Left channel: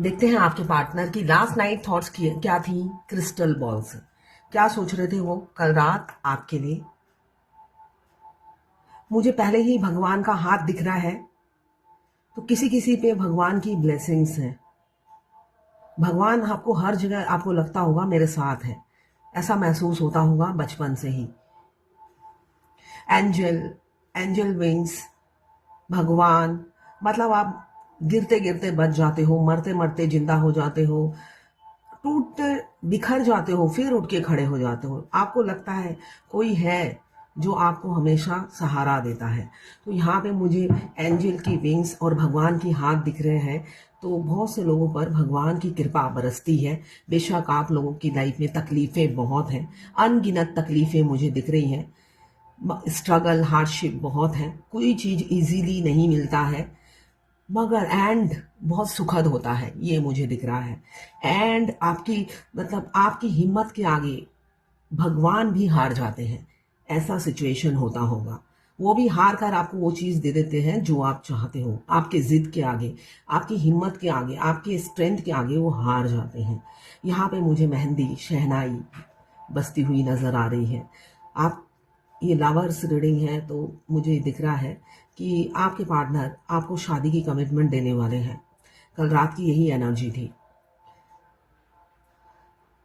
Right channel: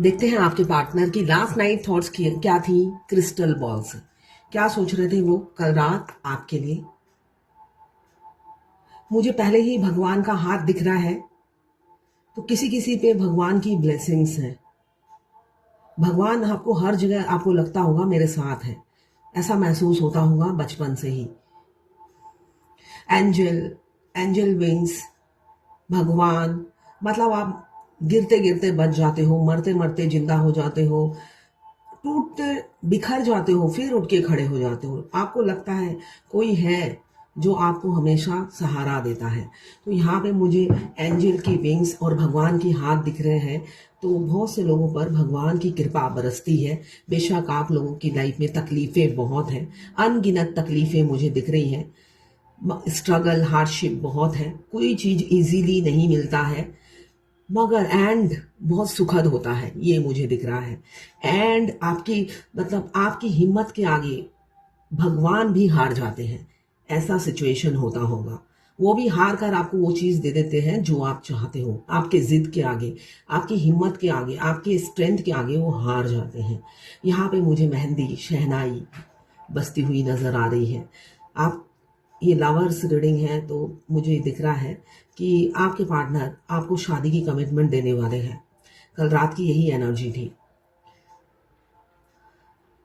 देखते हैं आपके पार्टनर की लास्ट नाइट थॉट्स क्या थी क्रिस्टल बॉल से। क्या सोच रहे थे वो कल रात आपके लिए। मुझे पहले ही भगवान का हाथ दिख रहा है, तो किसी किसी पे भगवान की ब्लेसिंग्स हैं। भगवान आपको हर जगह आपको लगता होगा मेरे साथ है, ऐसा महसूस होता होगा बचपन से ही। एंजल, एंजल विंग्स, भगवान, मतलब आप गिरते गिरते बच जाते हो, मरते मरते जिंदा हो जाते हो, टूटते बिखर जाते हो, फिर उठ के खड़े हो जाते हो। आपको लगता है कोई है जो आपको हमेशा सहारा देता है। तो यहाँ पे मुझे एंजल की विंग्स और भगवान की हाथ दिख रहे हैं। तो बहुत से लोगों पर भगवान की कृपा बरसती है। बेशक आप लोगों की लाइफ में तकलीफें बहुत हैं, अनगिनत तकलीफें मुझे दिख रही हैं। स्ट्रगल, हार्डशिप बहुत है, कोई चीज़ इजीली नहीं मिलता है, मगर एंड बहुत सुखद होता है, ये मुझे दिख रहा है। एंड आपकी मतलब आपकी हिम्मत के आगे भगवान भी हार जाते हैं, ऐसा सिचुएशन होता होगा। वो भी हार कर आपको वो चीज़ दे देते हैं जो आप चाहते हो। आपके जिद के आगे, आपकी हिम्मत के आगे, आपके स्ट्रेंथ के आगे वो हार जाते हैं। यहाँ पे मुझे मेहंदी, शहनाई बजती हुई नज़र आ रही है। आप ये लवर्स रीडिंग है, तो मुझे दिख रहा है कि आपके पार्टनर आपको शादी की कमिटमेंट देने वाले हैं। कल रात की यही एनर्जी थी।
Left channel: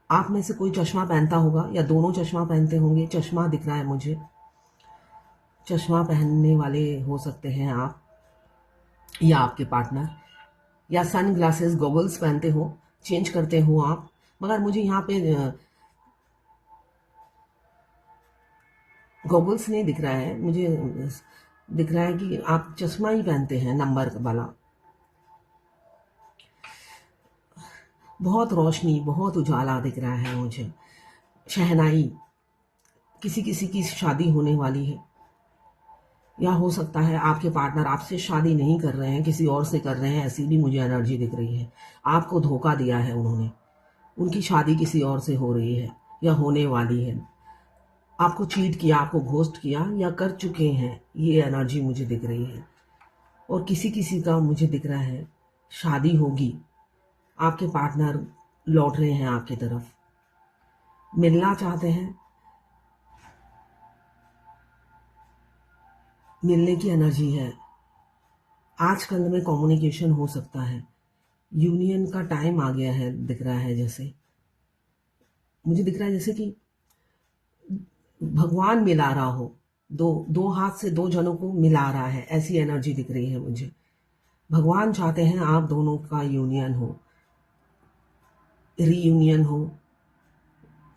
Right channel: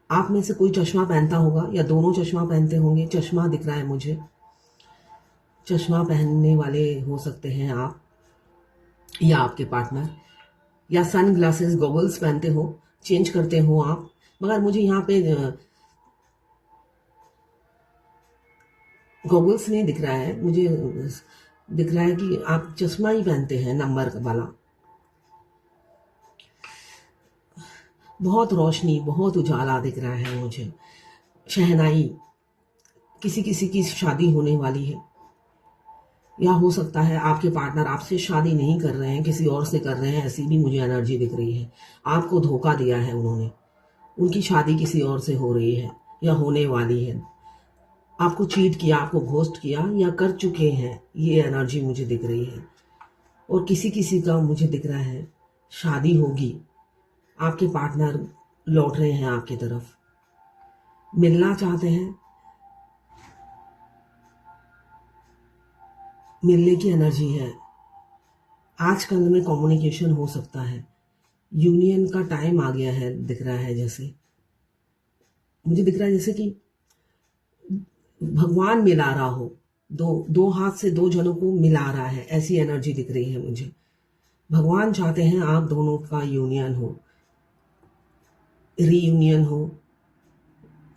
आप में से कोई चश्मा पहनता होगा या दोनों चश्मा पहनते होंगे। चश्मा दिख रहा है मुझे, चश्मा पहनने वाले हो सकते हैं आप या आपके पार्टनर, या सन ग्लासेस गॉगल्स पहनते हो, चेंज करते हो आप। मगर मुझे यहाँ पे गॉगल्स नहीं दिख रहा है, मुझे दिख रहा है कि आप चश्मा ही पहनते हैं नंबर वाला। बहुत रोशनी, बहुत उजाला दिख रहा है मुझे। शहनाई, किसी किसी की शादी होने वाली है, या हो सकता है आपके पार्टनर आपसे शादी नहीं कर रहे हैं, किसी और से कर रहे हैं, ऐसी भी मुझे एनर्जी दिख रही है। आपको धोखा दिया है उन्होंने, उनकी शादी किसी और से हो रही है या होने वाली है। आपको चीट किया, आपको घोस्ट किया या कर चुके हैं, ये एनर्जी मुझे दिख रही है। और किसी किसी का मुझे दिख रहा है शादी होगी, आपके पार्टनर लौट रहे हैं आपकी तरफ, मिलना चाहते हैं, मिलने की एनर्जी है। आजकल में कम्युनिकेशन हो सकता है, यूनियन का टाइम आ गया है, दिख रहा है जैसे, मुझे दिख रहा है जैसे कि भगवान मिला रहा हो, दो दो हाथ से दो जनों को मिला रहा है, ऐसी एनर्जी दिख रही है मुझे। भगवान चाहते हैं आप दोनों का यूनियन हो, रीयूनियन हो,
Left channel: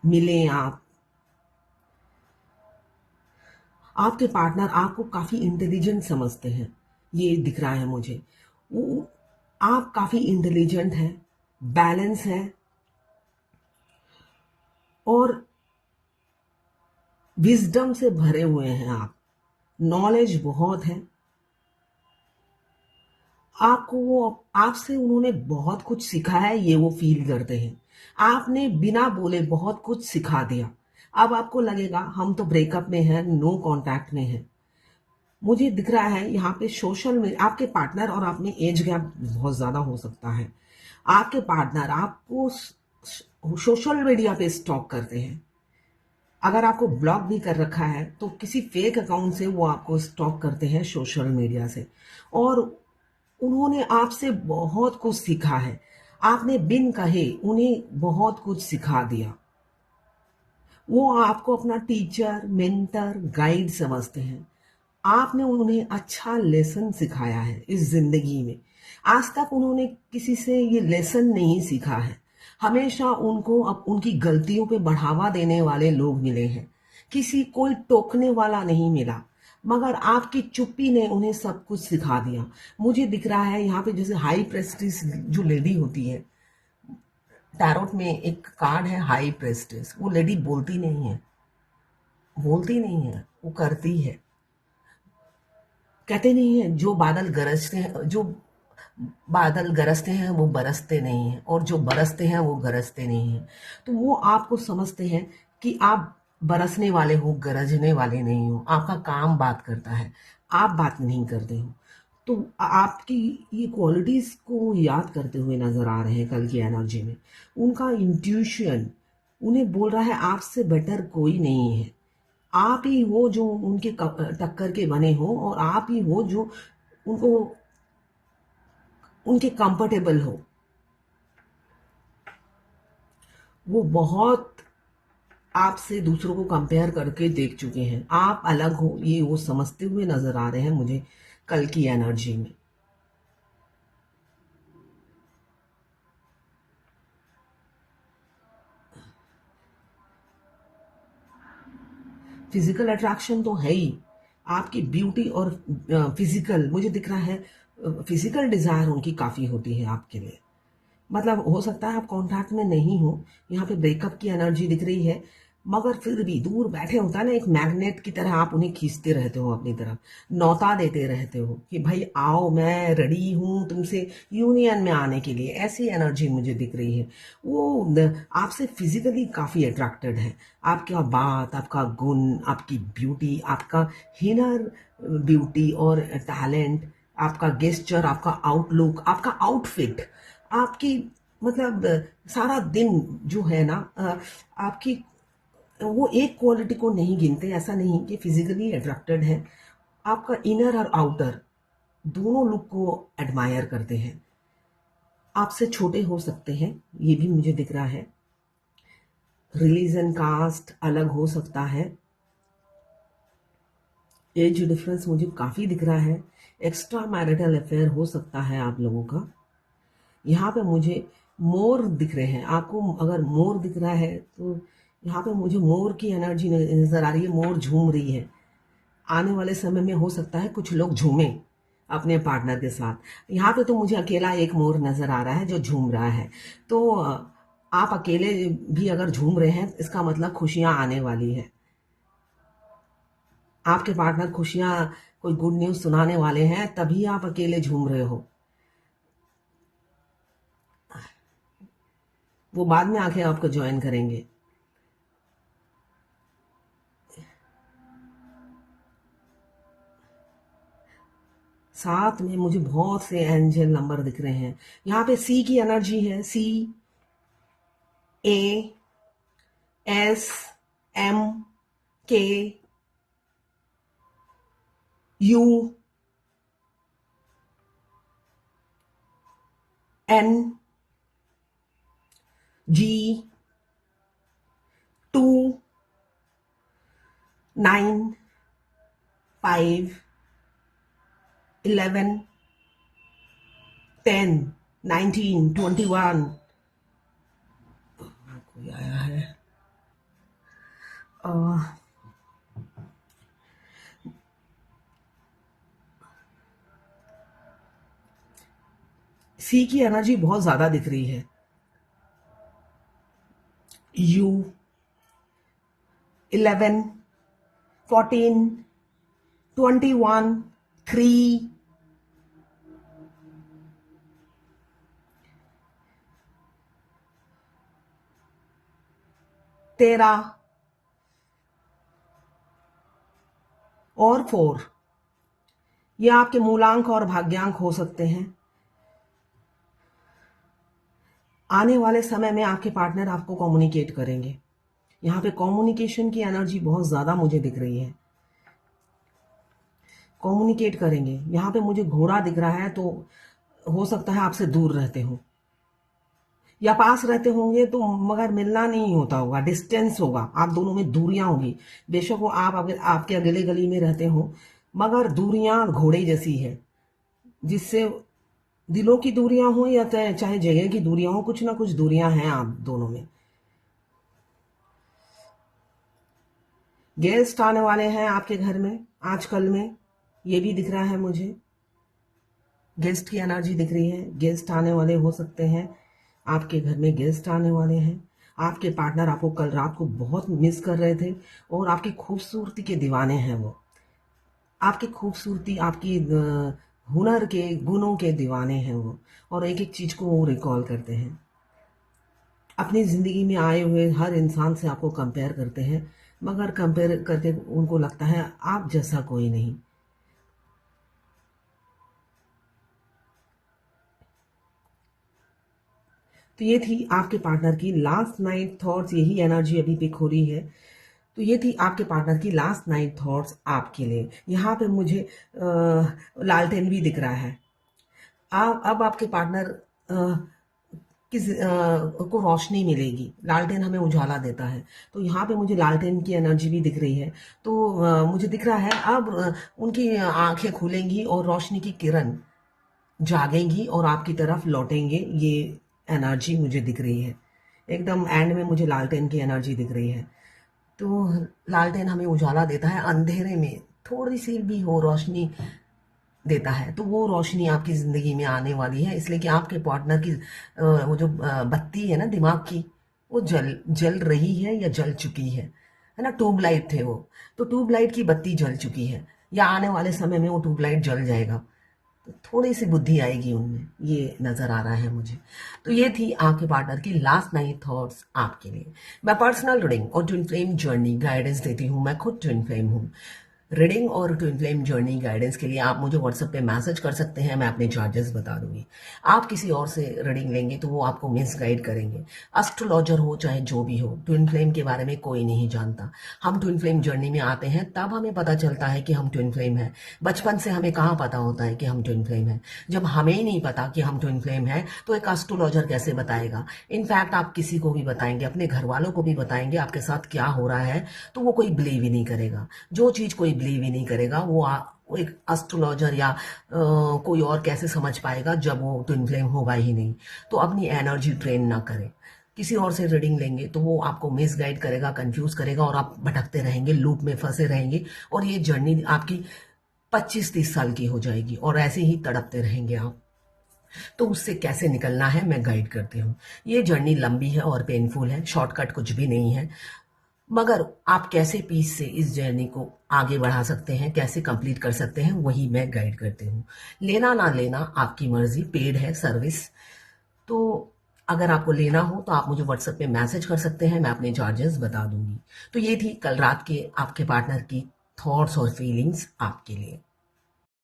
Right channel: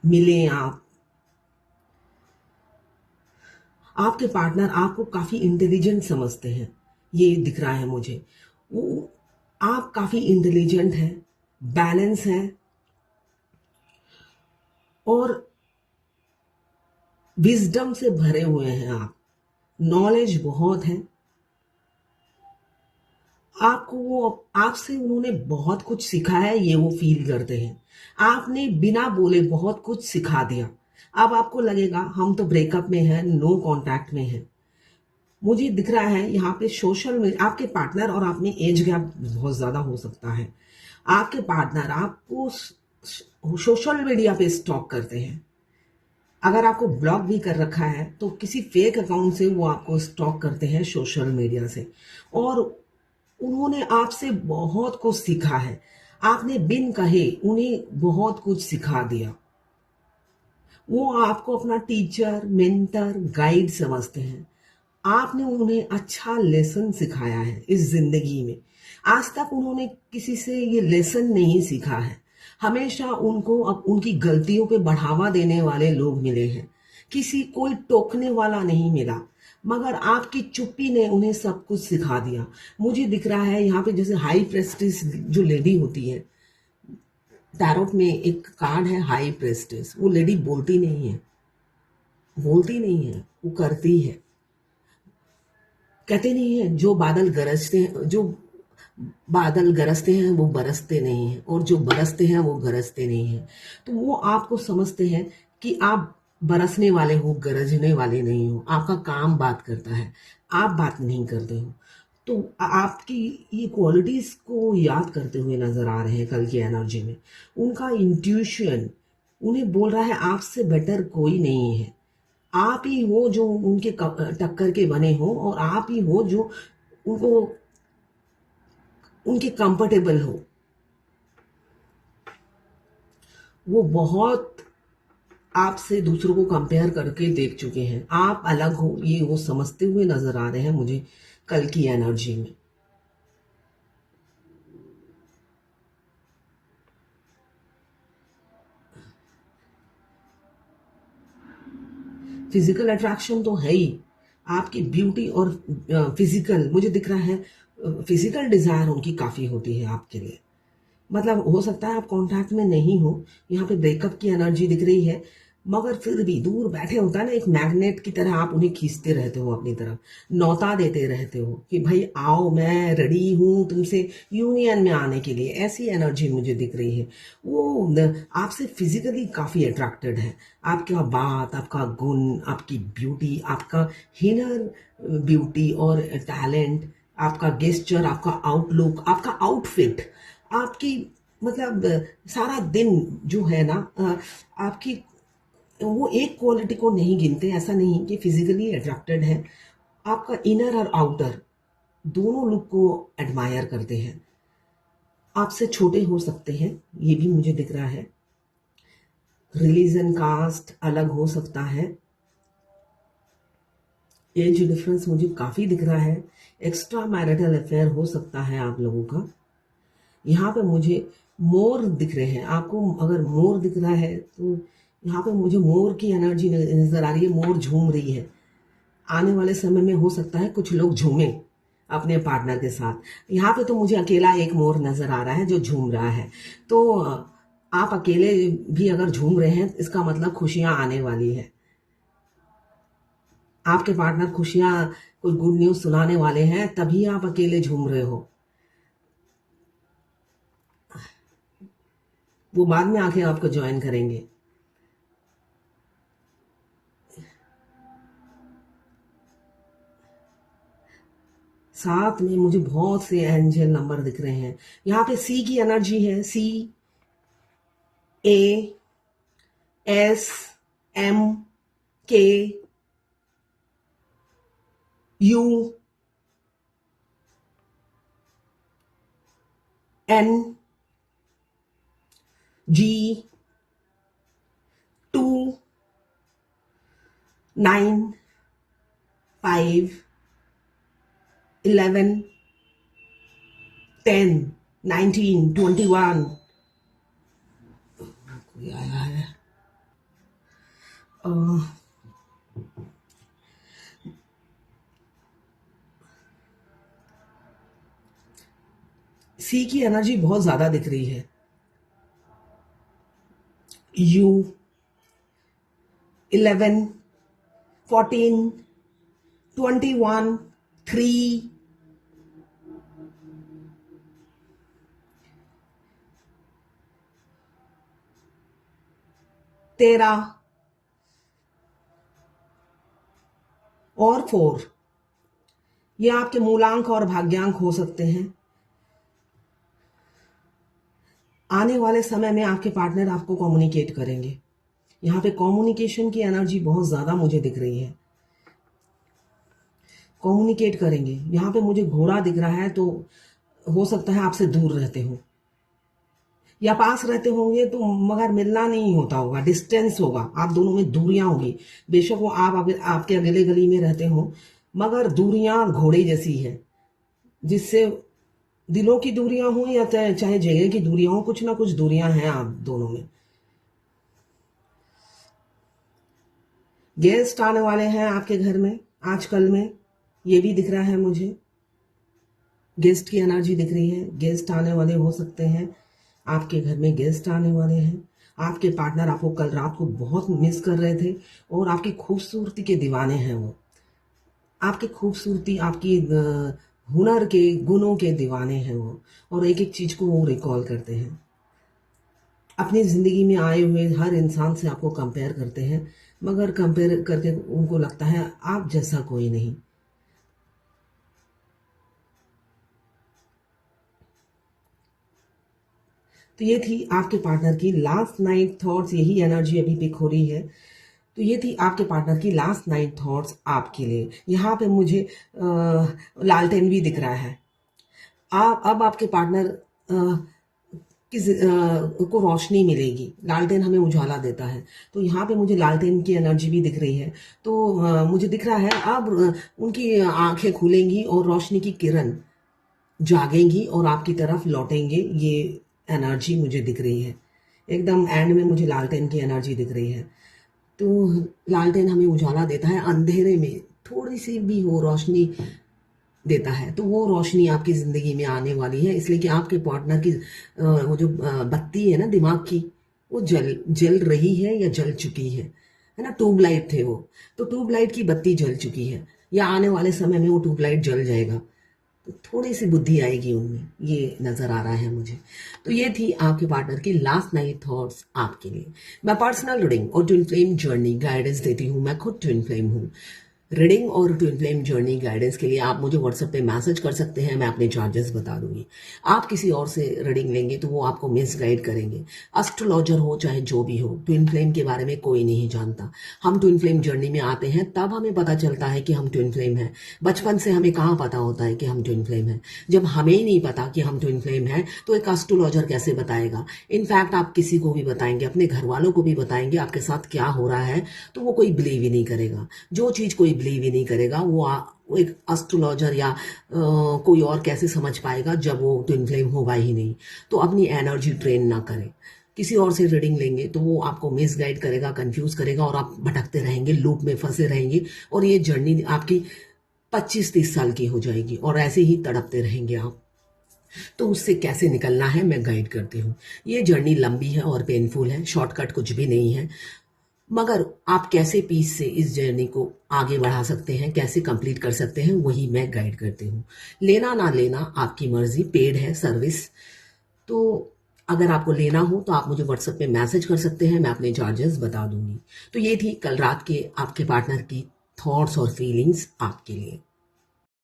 मिले आप। आपके पार्टनर आपको काफ़ी इंटेलिजेंट समझते हैं, ये दिख रहा है मुझे। वो आप काफ़ी इंटेलिजेंट हैं, बैलेंस है, और विजडम से भरे हुए हैं आप, नॉलेज बहुत है आपको। वो आपसे उन्होंने बहुत कुछ सीखा है, ये वो फील करते हैं। आपने बिना बोले बहुत कुछ सिखा दिया। अब आपको लगेगा हम तो ब्रेकअप में हैं, नो कांटेक्ट में हैं। मुझे दिख रहा है यहाँ पे सोशल मीडिया, आपके पार्टनर और आपने एज गैप बहुत ज़्यादा हो सकता है। आपके पार्टनर आपको सोशल मीडिया पे स्टॉक करते हैं। अगर आपको ब्लॉक भी कर रखा है तो किसी फेक अकाउंट से वो आपको स्टॉक करते हैं सोशल मीडिया से। और उन्होंने आपसे बहुत कुछ सीखा है, आपने बिन कहे उन्हें बहुत कुछ सिखा दिया। वो आपको अपना टीचर, मेंटर, गाइड समझते हैं। आपने उन्हें अच्छा लेसन सिखाया है इस जिंदगी में। आज तक उन्होंने किसी से ये लेसन नहीं सीखा है। हमेशा उनको अब उनकी गलतियों पे बढ़ावा देने वाले लोग मिले हैं, किसी कोई टोकने वाला नहीं मिला। मगर आपकी चुप्पी ने उन्हें सब कुछ सिखा दिया। मुझे दिख रहा है यहाँ पे जैसे हाई प्रेस्टिस जो लेडी होती है, टैरोट में एक कार्ड है हाई प्रेस्टिस। वो लेडी बोलती नहीं है, बोलती नहीं है, वो करती है। कहते नहीं है जो बादल गरजते हैं, जो बादल गरजते हैं वो बरसते नहीं हैं, और जो बरसते हैं वो गरजते नहीं हैं। तो वो आपको समझते हैं कि आप बरसने वाले हो, गरजने वाले नहीं हो। आपका काम बात करता है, आप बात नहीं करते हो। तो आपकी ये क्वालिटीज को याद करते हुए नजर आ रहे हैं कल की एनर्जी में। उनका इंट्यूशन उन्हें बोल रहा है आपसे बेटर कोई नहीं है। आप ही हो जो उनके टक्कर के बने हो, और आप ही हो जो उनको उनके कंफर्टेबल हो। वो बहुत आपसे दूसरों को कंपेयर करके देख चुके हैं। आप अलग हो ये वो समझते हुए नजर आ रहे हैं मुझे कल की एनर्जी में। फिजिकल अट्रैक्शन तो है ही, आपकी ब्यूटी और फिजिकल मुझे दिख रहा है। फिजिकल डिजायर उनकी काफी होती है आपके लिए। मतलब हो सकता है आप कांटेक्ट में नहीं हो, यहाँ पे ब्रेकअप की एनर्जी दिख रही है, मगर फिर भी दूर बैठे होता है ना, एक मैग्नेट की तरह आप उन्हें खींचते रहते हो अपनी तरफ, न्योता देते रहते हो कि भाई आओ, मैं रेडी हूँ तुमसे यूनियन में आने के लिए। ऐसी एनर्जी मुझे दिख रही है। वो आपसे फिजिकली काफी अट्रैक्टेड है। आपका बात, आपका गुण, आपकी ब्यूटी, आपका हिनर ब्यूटी और टैलेंट, आपका गेस्चर, आपका आउटलुक, आपका आउटफिट, आपकी मतलब सारा दिन जो है ना, आपकी वो एक क्वालिटी को नहीं गिनते। ऐसा नहीं कि फिजिकली अट्रैक्टेड है, आपका इनर और आउटर दोनों लुक को एडमायर करते हैं। आपसे छोटे हो सकते हैं, ये भी मुझे दिख रहा है। रिलीजन, कास्ट अलग हो सकता है। एज डिफरेंस मुझे काफी दिख रहा है। एक्स्ट्रा मैरिटल अफेयर हो सकता है आप लोगों का। यहाँ पे मुझे मोर दिख रहे हैं। आपको अगर मोर दिख रहा है तो यहाँ पे मुझे मोर की एनर्जी नजर आ रही है। मोर झूम रही है। आने वाले समय में हो सकता है कुछ लोग झूमें अपने पार्टनर के साथ। यहाँ पे तो मुझे अकेला एक मोर नजर आ रहा है जो झूम रहा है। तो आप अकेले भी अगर झूम रहे हैं, इसका मतलब खुशियां आने वाली है। आपके पार्टनर खुशियां, कोई गुड न्यूज सुनाने वाले हैं, तभी आप अकेले झूम रहे हो। वो बाद में आके आपको ज्वाइन करेंगे। साथ में मुझे बहुत से एंजल नंबर दिख रहे हैं। यहाँ पे सी की एनर्जी है। सी, ए, एस, एम, के, यू, एन, जी, 2, 9, 5, 11, 10, 19, 21। कोई आया है। सी की एनर्जी बहुत ज्यादा दिख रही है। यू, 11, 14, 21, 3, 13 और 4। ये आपके मूलांक और भाग्यांक हो सकते हैं। आने वाले समय में आपके पार्टनर आपको कम्युनिकेट करेंगे। यहाँ पे कम्युनिकेशन की एनर्जी बहुत ज्यादा मुझे दिख रही है। कम्युनिकेट करेंगे। यहाँ पे मुझे घोड़ा दिख रहा है, तो हो सकता है आपसे दूर रहते हो या पास रहते होंगे, तो मगर मिलना नहीं होता होगा, डिस्टेंस होगा, आप दोनों में दूरियां होगी। बेशक वो आप अगर आपके अगले गली में रहते हो, मगर दूरियां घोड़े जैसी है, जिससे दिलों की दूरियां हो या चाहे जगह की दूरियां हो, कुछ ना कुछ दूरियां हैं आप दोनों में। गेस्ट आने वाले हैं आपके घर में आजकल में, ये भी दिख रहा है मुझे। गेस्ट की एनर्जी दिख रही है। गेस्ट आने वाले हो सकते हैं, आपके घर में गेस्ट आने वाले हैं। आपके पार्टनर आपको कल रात को बहुत मिस कर रहे थे और आपकी खूबसूरती के दीवाने हैं वो। आपकी खूबसूरती, आपकी हुनर के, गुणों के दीवाने हैं वो, और एक एक चीज को वो रिकॉल करते हैं। अपनी जिंदगी में आए हुए हर इंसान से आपको कंपेयर करते हैं, मगर कंपेयर करके उनको लगता है आप जैसा कोई नहीं। तो ये थी आपके पार्टनर की लास्ट नाइट थॉट्स, यही एनर्जी अभी पिक हो रही है। तो ये थी आपके पार्टनर की लास्ट नाइट थॉट्स आपके लिए। यहाँ पे मुझे लालटेन भी दिख रहा है। अब आपके पार्टनर को रोशनी मिलेगी। लालटेन हमें उजाला देता है, तो यहाँ पे मुझे लालटेन की एनर्जी भी दिख रही है। तो मुझे दिख रहा है अब उनकी आंखें खुलेंगी और रोशनी की किरण जागेंगी और आपकी तरफ लौटेंगे। ये एनर्जी मुझे दिख रही है। एकदम एंड में मुझे लालटेन की एनर्जी दिख रही है। तो लालटेन हमें उजाला देता है, अंधेरे में थोड़ी सी भी हो रोशनी देता है, तो वो रोशनी आपकी ज़िंदगी में आने वाली है। इसलिए कि आपके पार्टनर की वो जो बत्ती है ना दिमाग की, वो जल रही है या जल चुकी है ना। ट्यूबलाइट थे वो, तो ट्यूबलाइट की बत्ती जल चुकी है, या आने वाले समय में वो ट्यूबलाइट जल जाएगा। तो थोड़ी सी बुद्धि आएगी उनमें, ये नज़र आ रहा है मुझे। तो ये थी आपके पार्टनर की लास्ट नाइट थॉट्स आपके लिए। मैं पर्सनल रीडिंग और ट्विन फ्लेम जर्नी गाइडेंस देती हूँ। मैं खुद ट्विन फ्लेम हूँ। रीडिंग और ट्विन फ्लेम जर्नी गाइडेंस के लिए आप मुझे व्हाट्सएप पे मैसेज कर सकते हैं। मैं अपने चार्जेस बता दूंगी। आप किसी और से रीडिंग लेंगे तो वो आपको मिस गाइड करेंगे। एस्ट्रोलॉजर हो चाहे जो भी हो, ट्विन फ्लेम के बारे में कोई नहीं जानता। हम ट्विन फ्लेम जर्नी में आते हैं तब हमें पता चलता है कि हम ट्विन फ्लेम हैं। बचपन से हमें कहाँ पता होता है कि हम ट्विन फ्लेम हैं। जब हमें ही नहीं पता कि हम ट्विन फ्लेम हैं तो एक एस्ट्रोलॉजर कैसे बताएगा। इनफैक्ट आप किसी को भी बताएंगे, अपने घर वालों को भी बताएंगे आपके साथ क्या हो रहा है, तो वो कोई बिलीव ही नहीं करेगा। जो चीज़ कोई बिलीव ही नहीं करेगा वो एक एस्ट्रोलॉजर या कोई और कैसे समझ पाएगा जब वो ट्विन फ्लेम होगा ही नहीं। तो अपनी एनर्जी ट्रेन ना करें। किसी और से रीडिंग लेंगे तो वो आपको मिस गाइड करेगा, कंफ्यूज करेगा और आप भटकते रहेंगे, लूप में फंसे रहेंगे और ये जर्नी आपकी 25-30 साल की हो जाएगी और ऐसे ही तड़पते रहेंगे आप। तो उससे कैसे निकलना है मैं गाइड करती हूँ। ये जर्नी लंबी है और पेनफुल है, शॉर्टकट कुछ भी नहीं है, मगर आप कैसे पीस से इस जर्नी को आगे बढ़ा सकते हैं, कैसे कंप्लीट कर सकते हैं, वही मैं गाइड करती हूँ। लेना ना लेना आपकी मर्जी, पेड है सर्विस। तो अगर आपको लेना हो तो आप मुझे व्हाट्सएप पे मैसेज कर सकते हैं, मैं अपने चार्जेस बता दूंगी। तो ये थी कल रात के आपके पार्टनर की थॉट्स और फीलिंग्स आपके लिए।